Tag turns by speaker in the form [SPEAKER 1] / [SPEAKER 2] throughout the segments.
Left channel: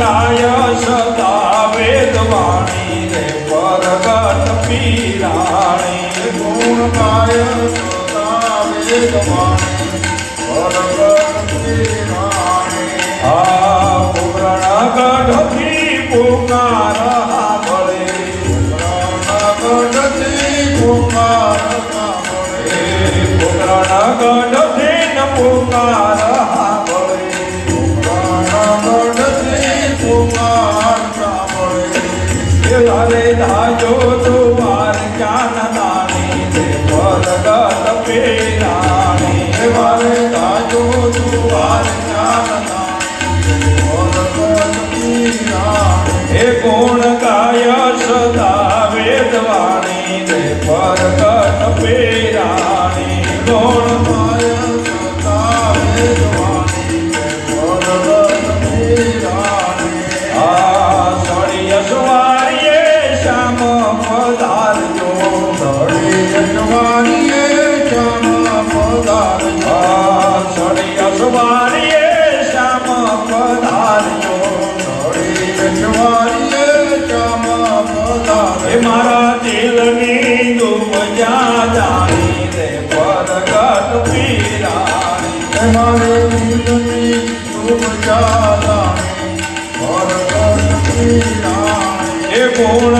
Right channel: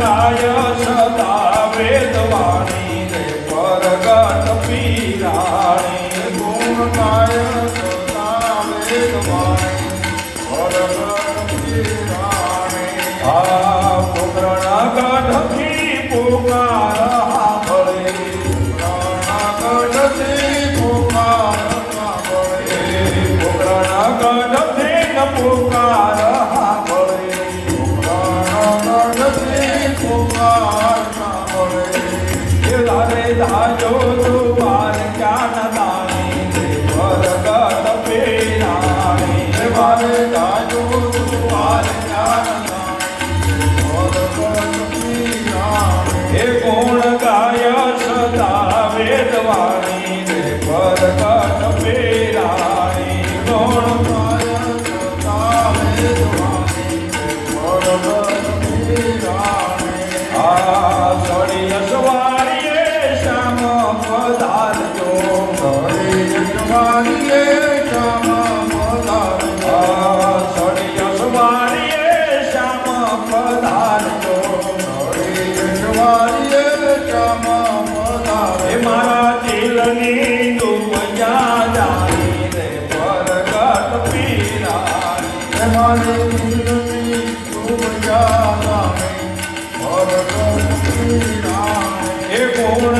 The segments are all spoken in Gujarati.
[SPEAKER 1] સદાય સદા વેદવાણી રે પરગત પીરાણી
[SPEAKER 2] ગુણમાય સદા વેદવાણી
[SPEAKER 1] 되고 wanna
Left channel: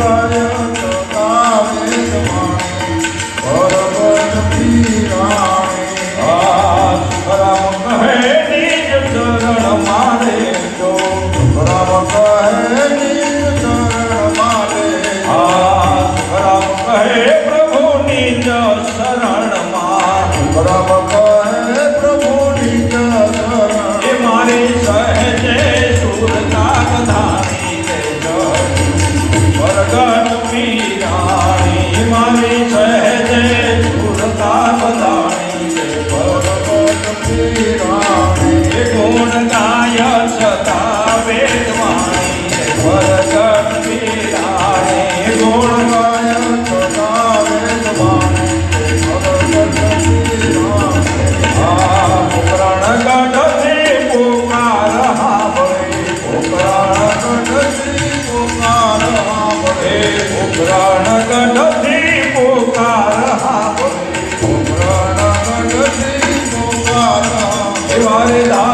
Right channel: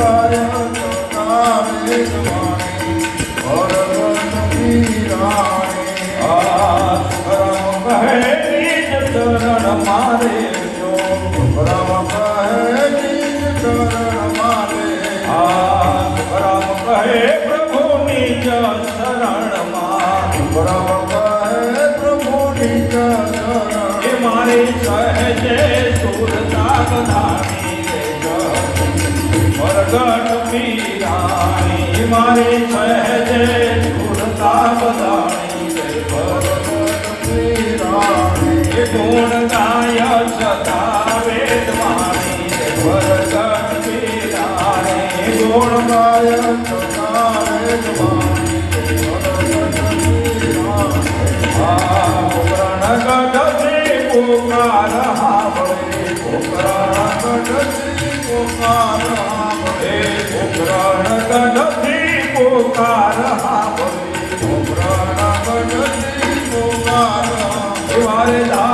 [SPEAKER 2] Thank you.
[SPEAKER 1] come Suárez,